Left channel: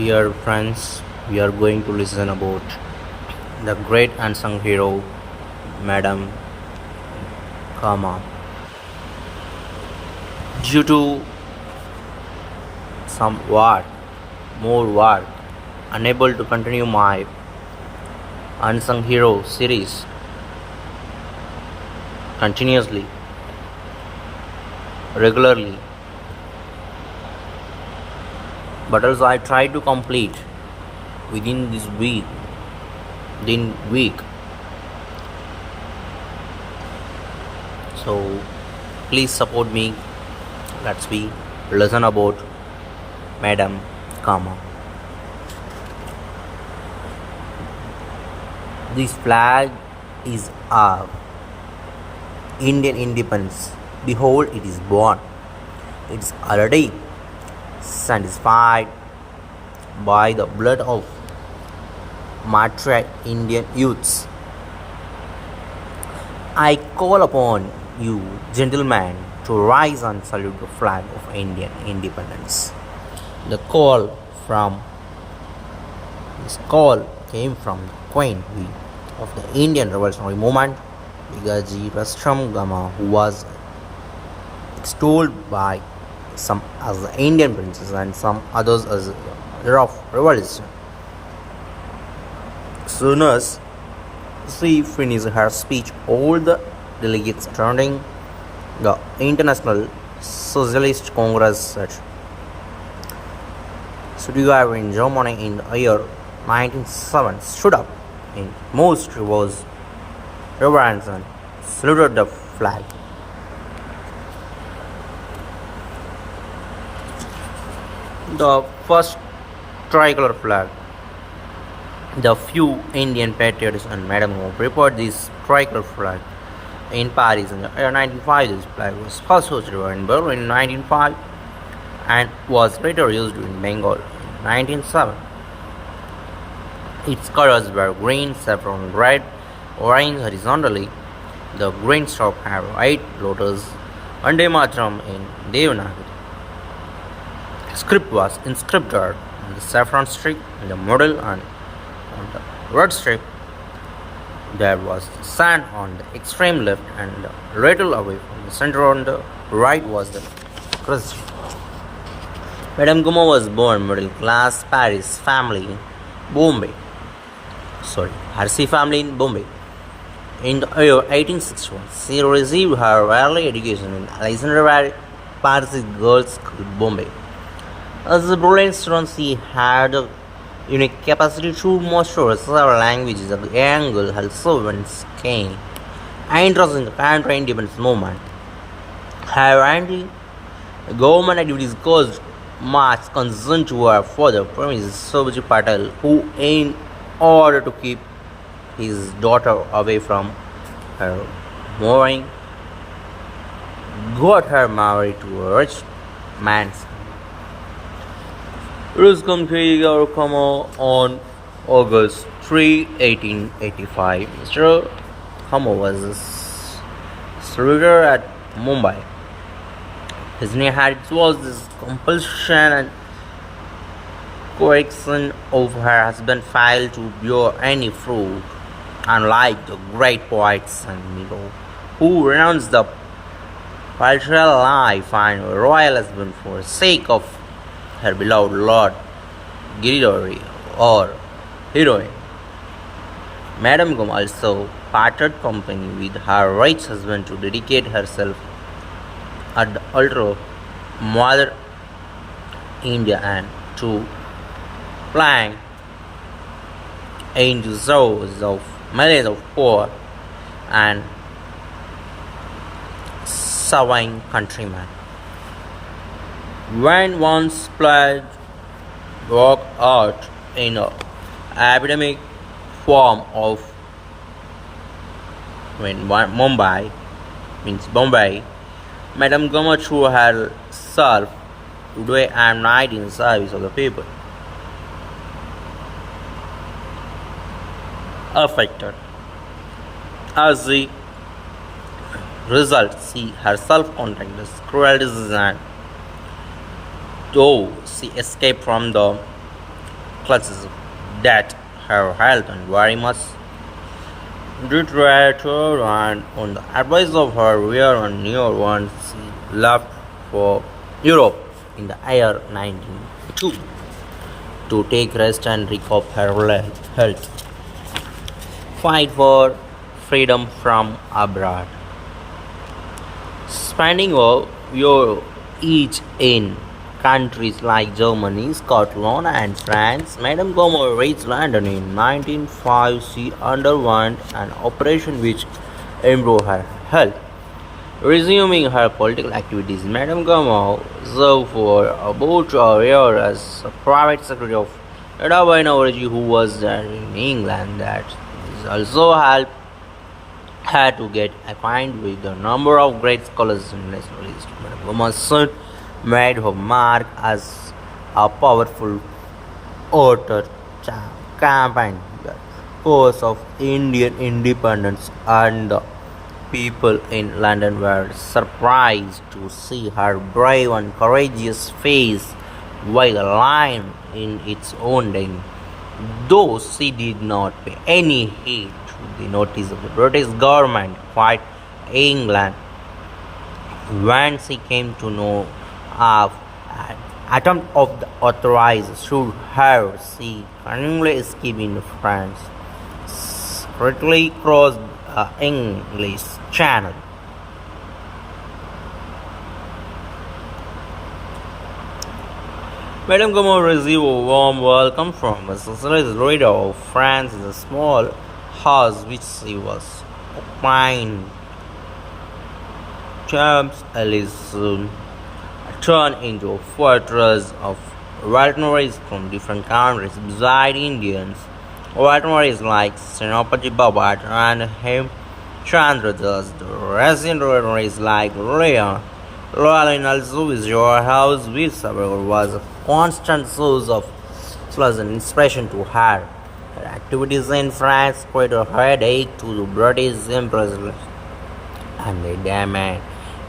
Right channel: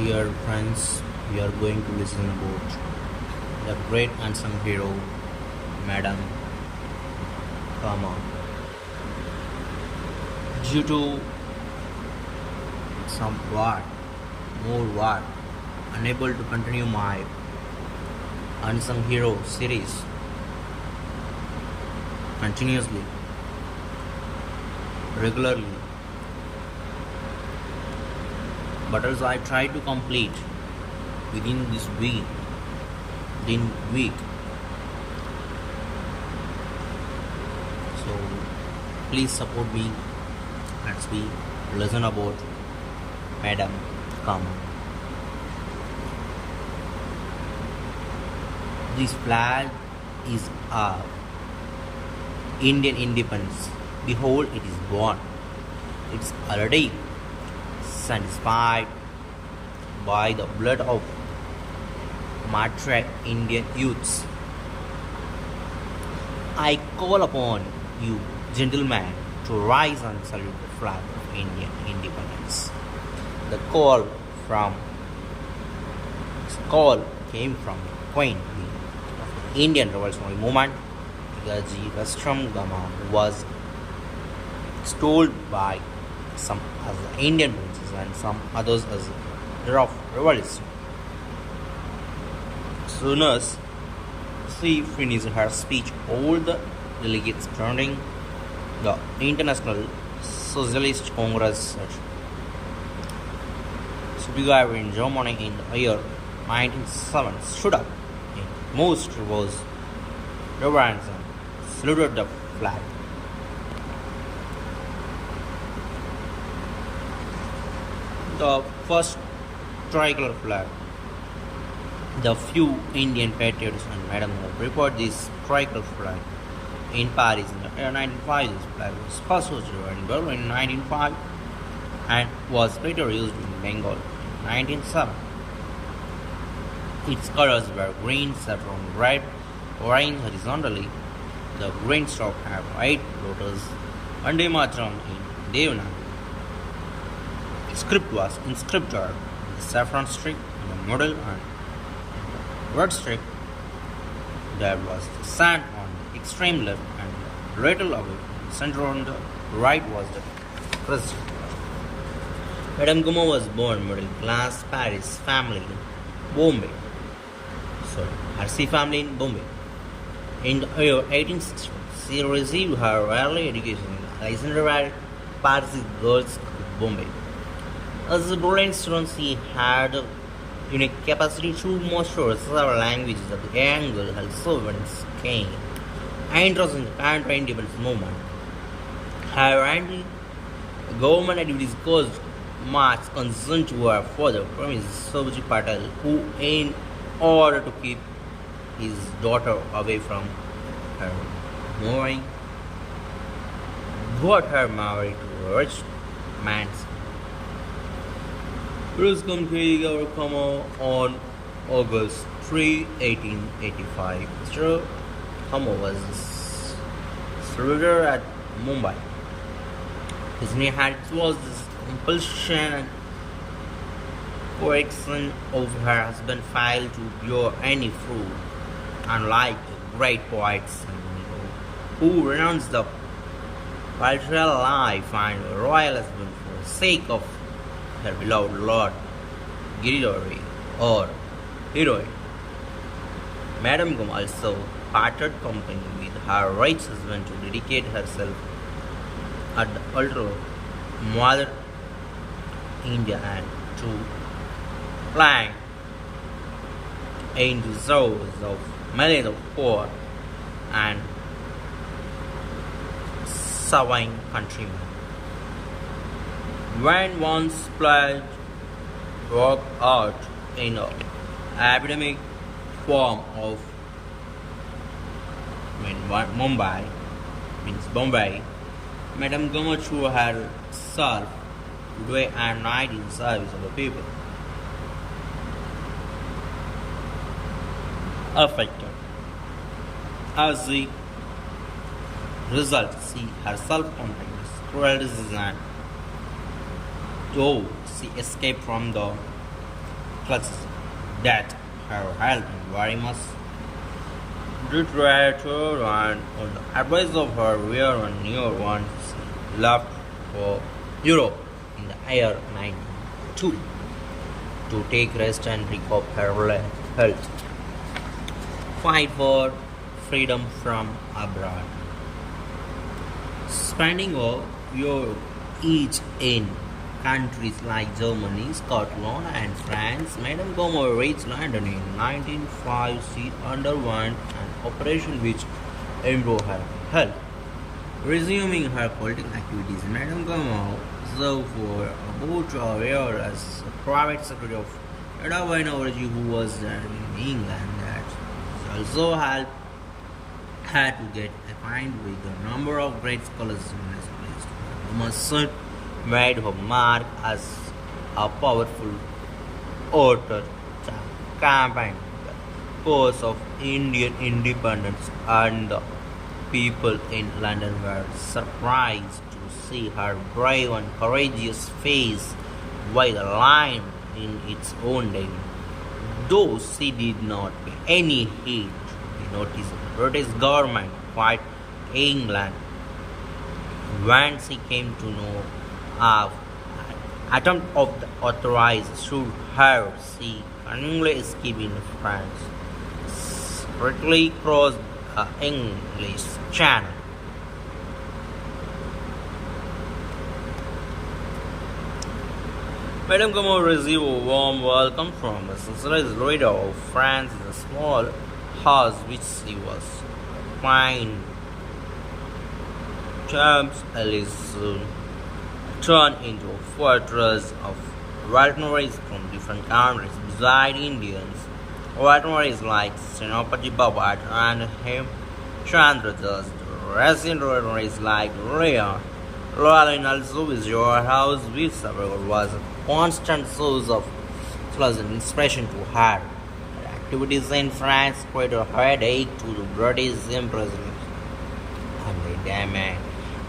Dear friends, we are going to listen about the great unsung hero, Madam Cama. Due to some more work, unable to continue my unsung hero series continuously, regularly, but also I try to complete within this week. So please support me. Let's be listen about Madam Cama. This flag is our Indian independence. Behold, it is born. It is already satisfied by the blood of martyred Indian youths. I call upon you, gentlemen, to rise and salute the flag of Indian independence. The this call came from the Queen Bee of the Indian Revolutionary Movement, Igaji Gama, who was extolled by some as the Indian princess and some others as the hero of revolution. Soon as she finished her speech, all the delegates attending the International Socialist Congress session together in Germany in the year 1907 stood up in most reverence and saluted the flag. The first tricolor flag. The few Indian patriots and Madam Home prepared this tricolor flag in Paris in the year 1905. This flag was first hosted in Berlin in 1905 and was later used in Bengal in 1907. Its colors were green, saffron, red, orange horizontally. The green stroke had 8 letters, Vande Mataram in Devanagari. Script was inscribed on the saffron strip in the middle, and on the red strip there was the sand on the extreme left, and a little away from the center on the right was the crest. Madame Cama was born middle class Paris family in Bombay. Harsi family in Bombay. In the year 1861, she received her early education in Alexandra Parsi Girls' School, Bombay. As a brilliant student, she had a unique capacity to master several languages. The young girl also went keen interest in the counter-independence movement. Her anti-government activities caused much concern to her father, Mrs. Sobhaji Patel, who, in order to keep his daughter away from her marrying, got her married to a rich man's. Ruscom Cama on August 3, 1885. Mr. Cama was a soldier at Mumbai. His inheritance was this compulsion and coercion of her husband failed to bear any fruit, unlike the great poets and who renounced the patriarchal life and royal husband for the sake of her beloved Lord Giridhari or heroine. Madame Cama also parted company with her rich husband to dedicate herself at the altar of Mother India and to plying into service of millions of poor and suffering countrymen. When once pledged broke out in an epidemic form of Bombay, Madame Cama threw herself day and night in service of the people. Affected. As the result, she herself contracted cruel disease and though she escaped from the classes that her health and very much deteriorated, and on the advice of her rear and near one she left for Europe in the year 1902 to take rest and recover her health, fight for freedom from abroad. Spending a year each in countries like Germany, Scotland, and France, Madame Cama reached London in 1905. She underwent an operation which improved her health. Resuming her political activities, Madame Cama served for about a year as a private secretary of Edwin Orgy, who was there in England. That also helped had to get acquainted with a number of great scholars and nationalists. Madame made her mark as a powerful orator, campaign the cause of Indian independence, and the people in London were surprised to see her brave and courageous face while lying in its own name. Though she did not pay any heed to the notice of the British government, quite England, when she came to know of an attempt of the authorized should her, she cunningly escaped in France, secretly crossed the English Channel. Madame Cama received a warm welcome from a socialist leader of France in a small house which she was occupying. Champs Ellis turned into a fortress of veterinarians from different countries. Beside Indians, veterinarians like Senapati Babat and him Chandra Das, the resident veterinarians like Royal in also visit your house, which was a constant source of pleasant inspiration to her. Her activities in France created a headache to the British Empress and the demand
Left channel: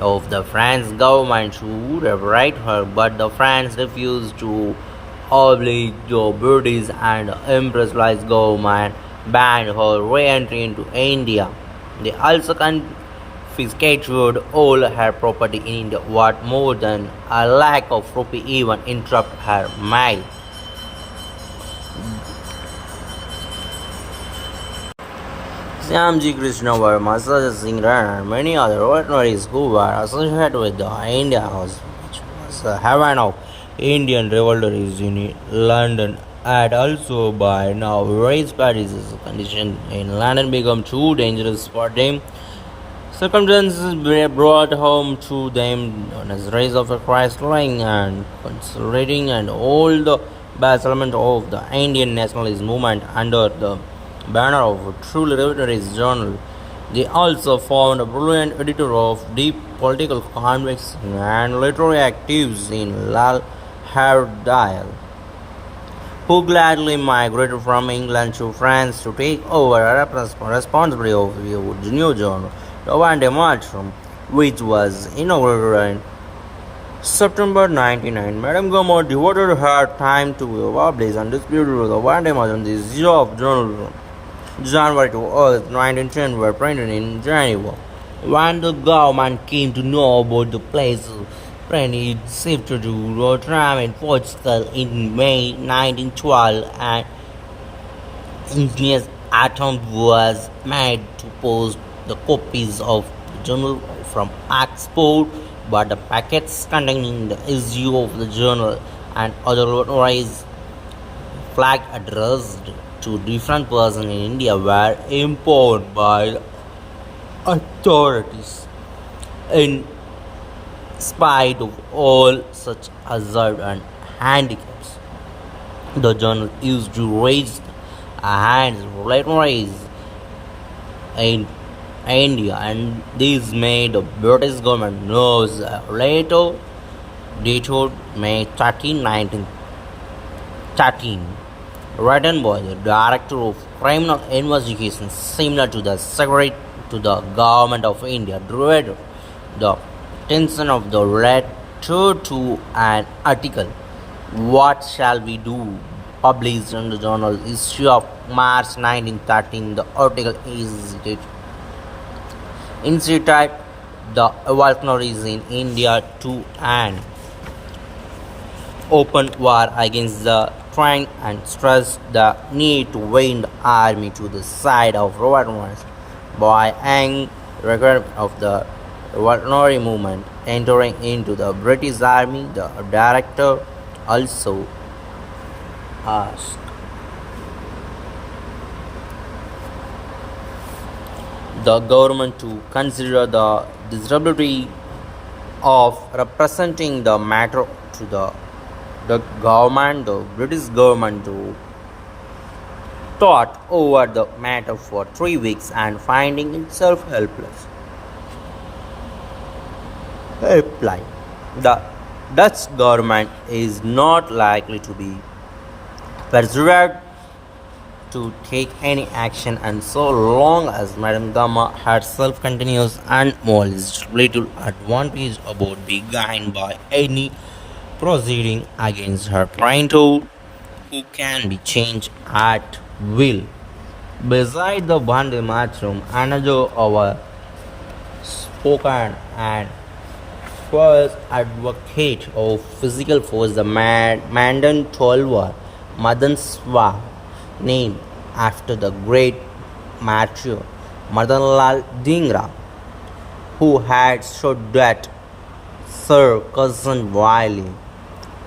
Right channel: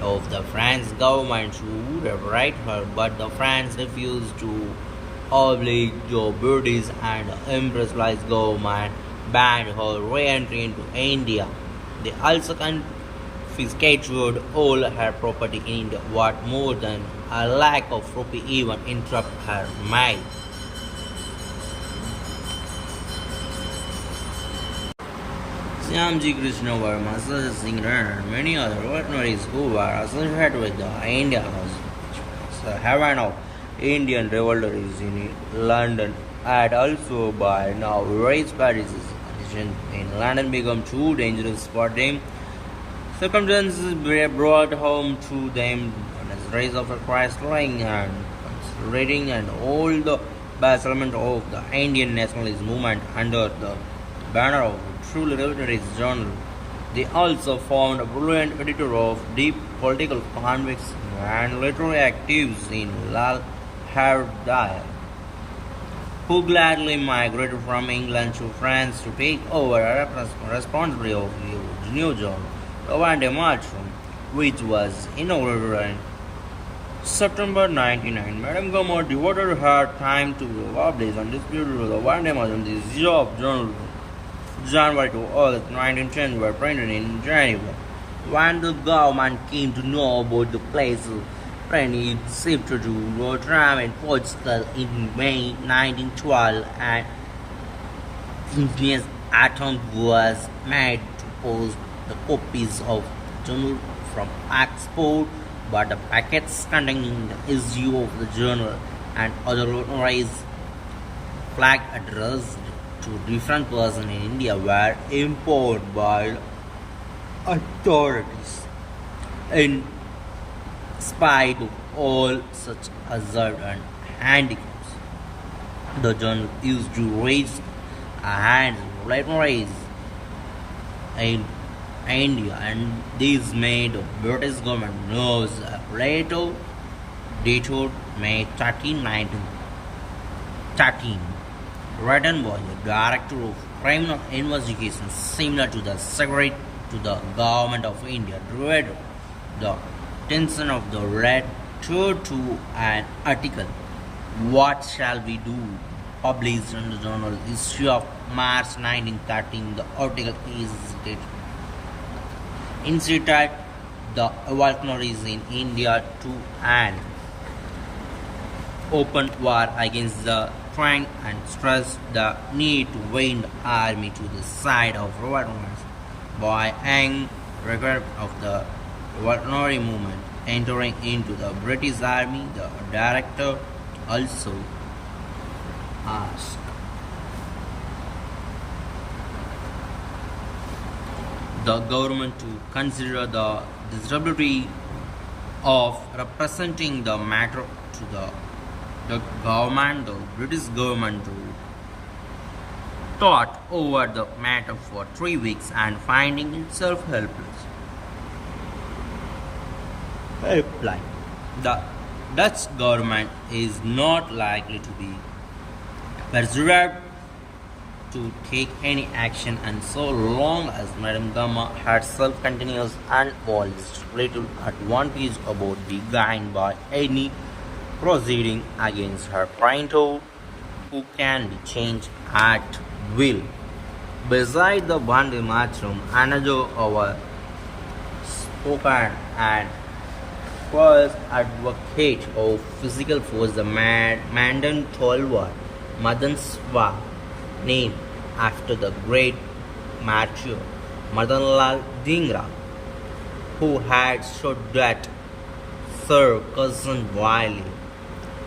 of the French government should liberate her, but the France refused to oblige the British, and the Empress government banned her re-entry into India. They also confiscated all her property in India. What more than a lack of rupee even interrupt her mail. Syamji Krishna Verma, Sajja Singh Rana, and many other veterinarians who were associated with the India House, which was the haven of Indian revolters in London, had also by now raised Paris' condition in London become too dangerous for them. Circumstances brought home to them as rise of the Christ-lying and consolidating and all the battlement of the Indian nationalist movement under the banner of a truly revolutionary journal. They also found a brilliant editor of deep political convicts and literary actives in Lal Hardayal, who gladly migrated from England to France to take over a responsibility of the new journal, the Vande Mataram, which was inaugurated in September 1999. Madame Cama devoted her time to publish and distribute the Vande Mataram, the issue of journal. January to August 1910 were printed in Geneva. When the government came to know about the place, it shifted to Rotterdam and Portugal in May 1912, and ingenious attempt was made to post the copies of the journal from Oxford, but the packets containing the issue of the journal and other authorized flag addressed to different persons in India were impounded by the authorities. In spite of all such hazards and handicaps, the journal used to raise hands raise in India, and this made the British government nervous. Later, dated May 13, 1913, written by the Director of Criminal Investigation, similar to the Secretary to the Government of India, drew the attention of the letter to an article. What shall we do? published in the journal issue of March 1913. The article incited the revolutionaries in India to an open war against the Crown and stressed the need to win the army to the side of revolutionaries by young regard of the revolutionary movement entering into the British army. The director also asked the government to consider the desirability of representing the matter to the government. The British government thought over the matter for 3 weeks and finding itself helpline. The Dutch government is not likely to be persuaded to take any action, and so long as Madame Cama herself continues unmolested, little advantage about be gained by any proceeding against her parental, who can be changed at will. Beside the Bande Matrum, another our spoken and first advocate of physical force, the Mandan Tolwar Madan Swa, named after the great martyr Madanlal Dhingra, who had stood that Sir Cousin Wiley,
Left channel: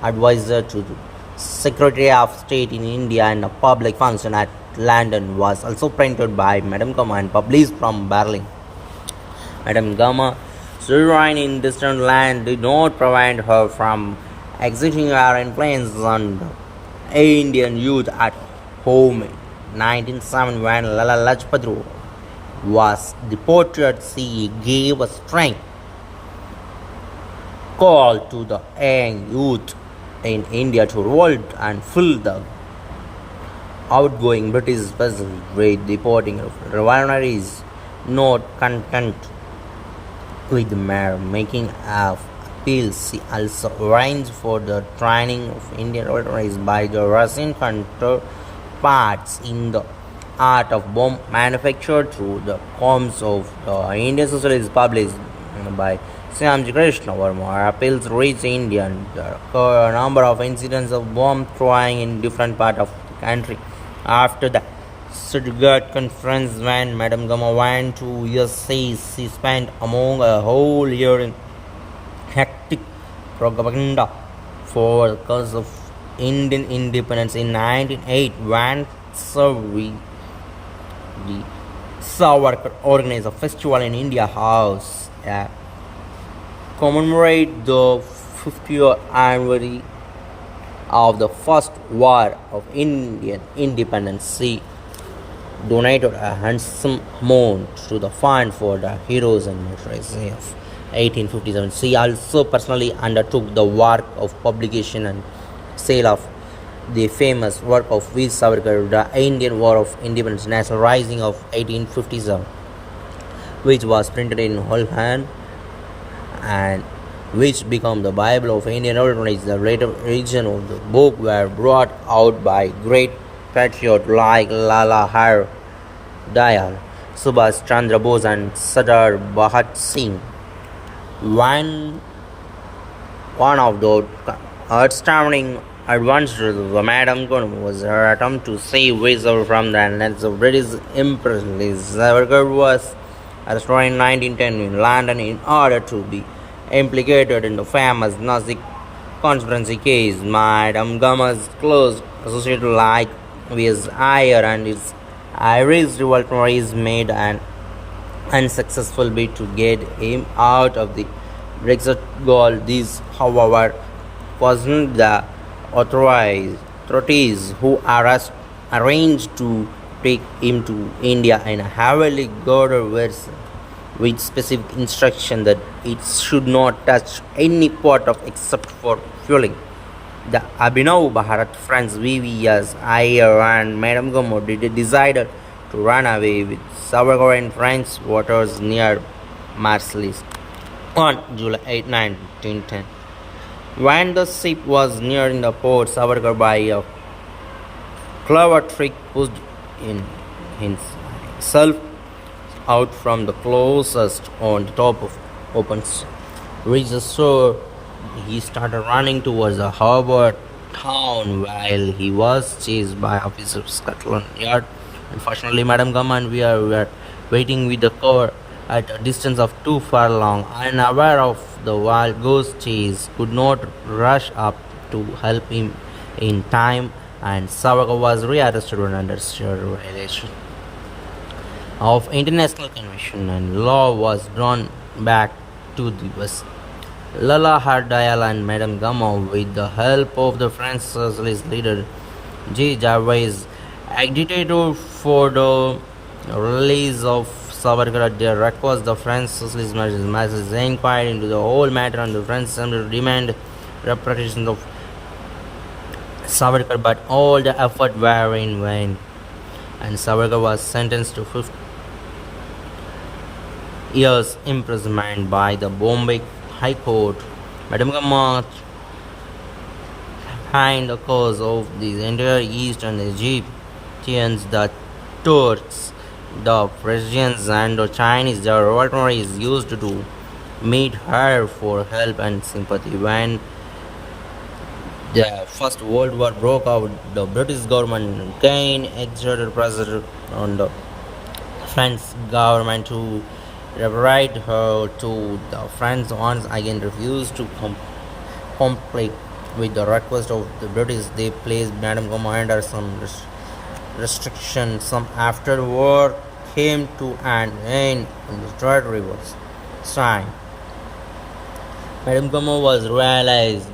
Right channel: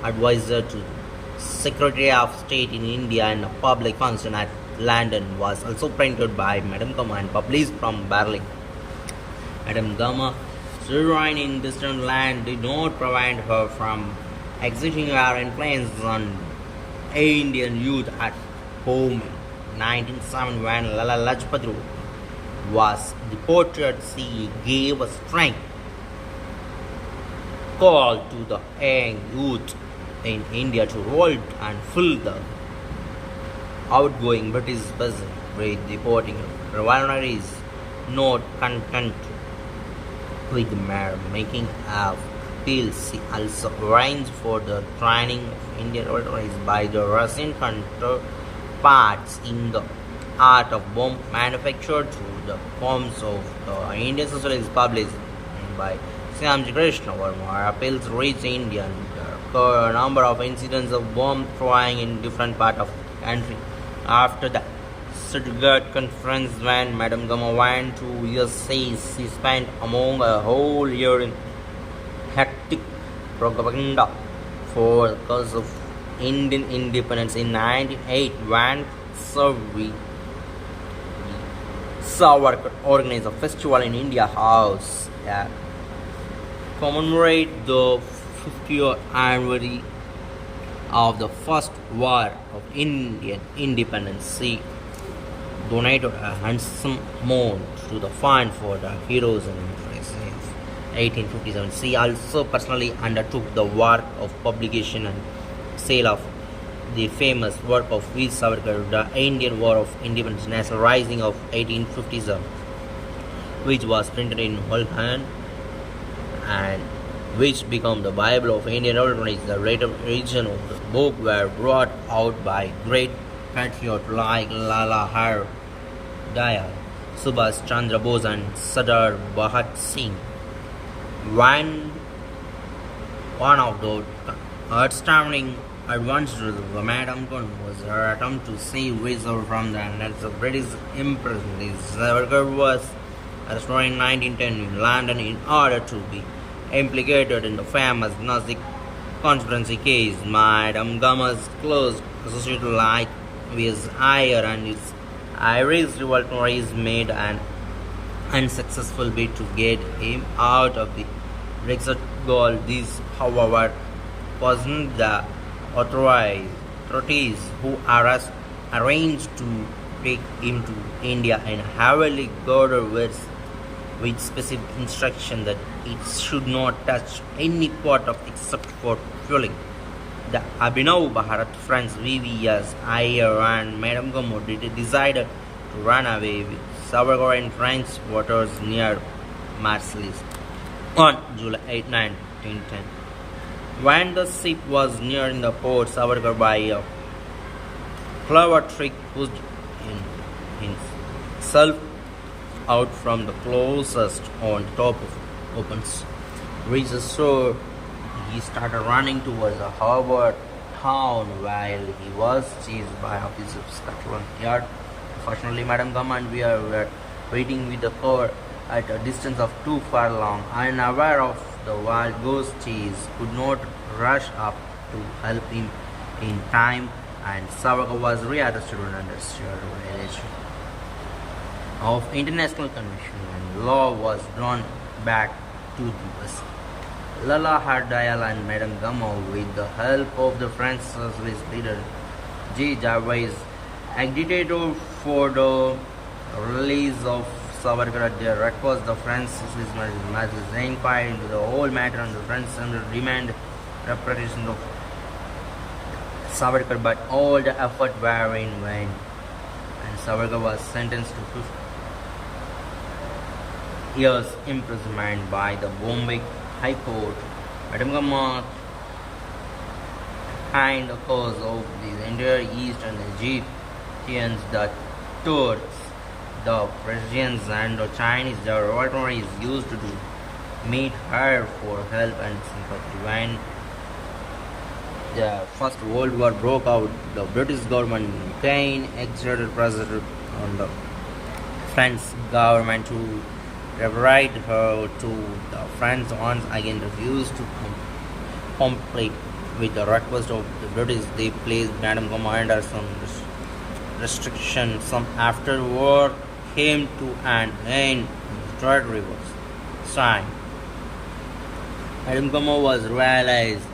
advisor to the Secretary of State in India and a public function at London, was also printed by Madame Cama and published from Berlin. Madame Cama, sojourning in distant land, did not prevent her from exerting her influence on the Indian youth at home. In 1907, when Lala Lajpat Rai was deported, she gave a strength call to the young youth in India to revolt and fill the outgoing British vessel with deporting revolutionaries. Not content with mere making of appeals, she also arranged for the training of Indian revolutionaries by the Russian counterparts in the art of bomb manufacture through the forms of the Indian Socialist published by Syamji Krishna Verma. Appeals reached India and a number of incidents of bomb throwing in different parts of the country. After the Stuttgart conference, when Madame Cama went to USA, she spent among a whole year in hectic propaganda for the cause of Indian independence. In 1908, when the Savarkar organized a festival in India House commemorate the 50th anniversary of the first war of Indian independence. She donated a handsome amount to the fund for the heroes and martyrs of 1857. She also personally undertook the work of publication and sale of the famous work of V. Savarkar, The Indian War of Independence, National Rising of 1857, which was printed in Holland and which became the Bible of Indian revolutionaries. The later edition of the book were brought out by great patriots like Lala Har Dayal, Subhash Chandra Bose and Sardar Bhagat Singh. One of the outstanding advances of Madame Cama was her attempt to save Windsor from the hands of British imperialists. Savarkar was arrested in 1910 in London in order to be implicated in the famous Nazi conspiracy case. Madame Cama's close associate like his Ayer and his Irish revolutionaries made an unsuccessful bid to get him out of the Brexit goal. This, however, wasn't the authorities who arranged to take him to India in a heavily guarded vessel with specific instruction that it should not touch any part of except for fueling. The Abhinav Bharat friends VVS, Ayer and Madame Cama decided to run away with Savarkar in French waters near Marseilles on July 8, 1910. When the ship was nearing the port, Savarkar by a clever trick pushed in himself out from the closest on the top of opens reached the shore. He started running towards the harbor town while he was chased by officers of Scotland Yard. Unfortunately, Madam Gum and we were waiting with the car at a distance of too far long, unaware of the wild goose chase, could not rush up to help him in time, and Savaga was rearrested and under violation of international convention, and law was drawn back to the West. Lala Hardayal and Madame Gama, with the help of the French socialist leader J. Jarvis, agitated for the release of Savarkar at their request. The French socialist masses inquired into the whole matter, and the French Assembly demanded repatriation of Savarkar, but all the effort were in vain, and Savarkar was sentenced to 50 years imprisonment by the Bombay High Court. Madam Gama behind the cause of the entire East and the Egyptians, the Turks, the Persians, and the Chinese, the revolutionaries used to meet her for help and sympathy. When the First World War broke out, the British government again exerted pressure on the French government to liberate her to the French once again refused to comply with the request of the British. They placed Madame Gama under some restriction. Some after war came to an end and the territory was signed. Madame Gama was realized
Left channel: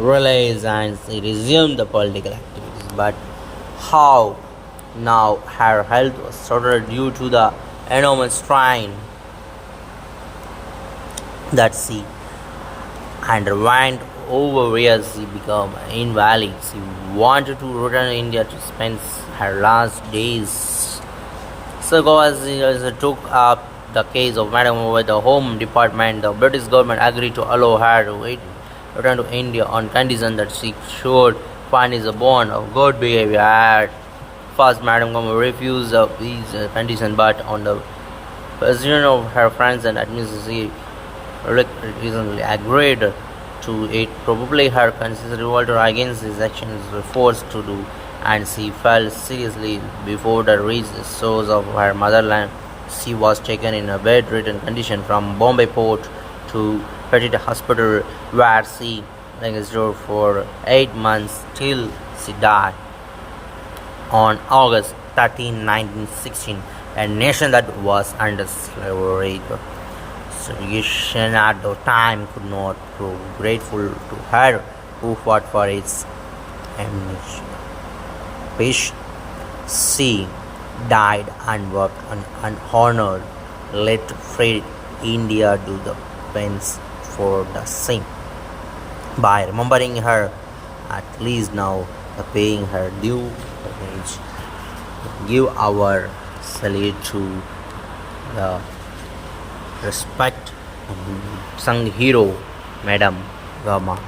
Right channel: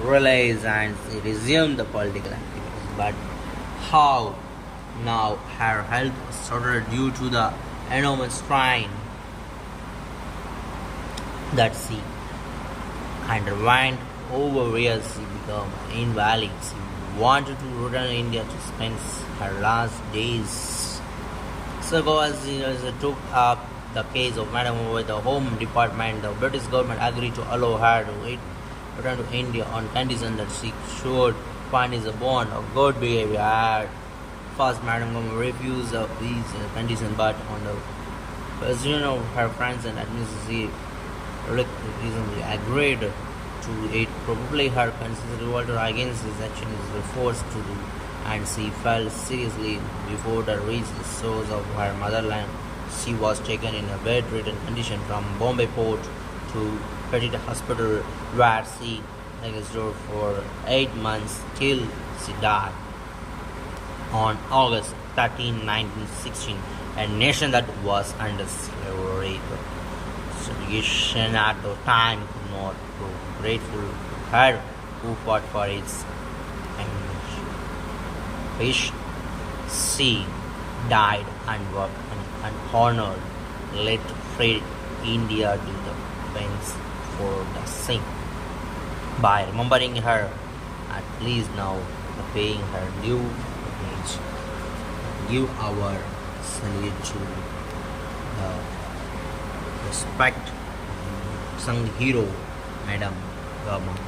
and resumed the political activities. But how? Now her health was shattered due to the enormous strain that she underwent over years. She became invalid. She wanted to return to India to spend her last days. So as took up the case of Madam with the Home Department, the British government agreed to allow her to return to India on condition that she should find a bond of good behavior. At first, Madam Gama refused these conditions, but on the persuasion of her friends and administration, reasonably agreed to it. Probably her conscious revolt against these actions was forced to do, and she fell seriously before the reached the shores of her motherland. She was taken in a bedridden condition from Bombay port to Petit Hospital, where she lingered for 8 months till she died on August 13, 1916, a nation that was under slavery. Solution at the time could not be grateful to her who fought for its emancipation. She died unworked and unhonored. Let free India do the penance for the same. By remembering her, at least now paying her due, give our salute to the respect Unsung hero, Madam Cama.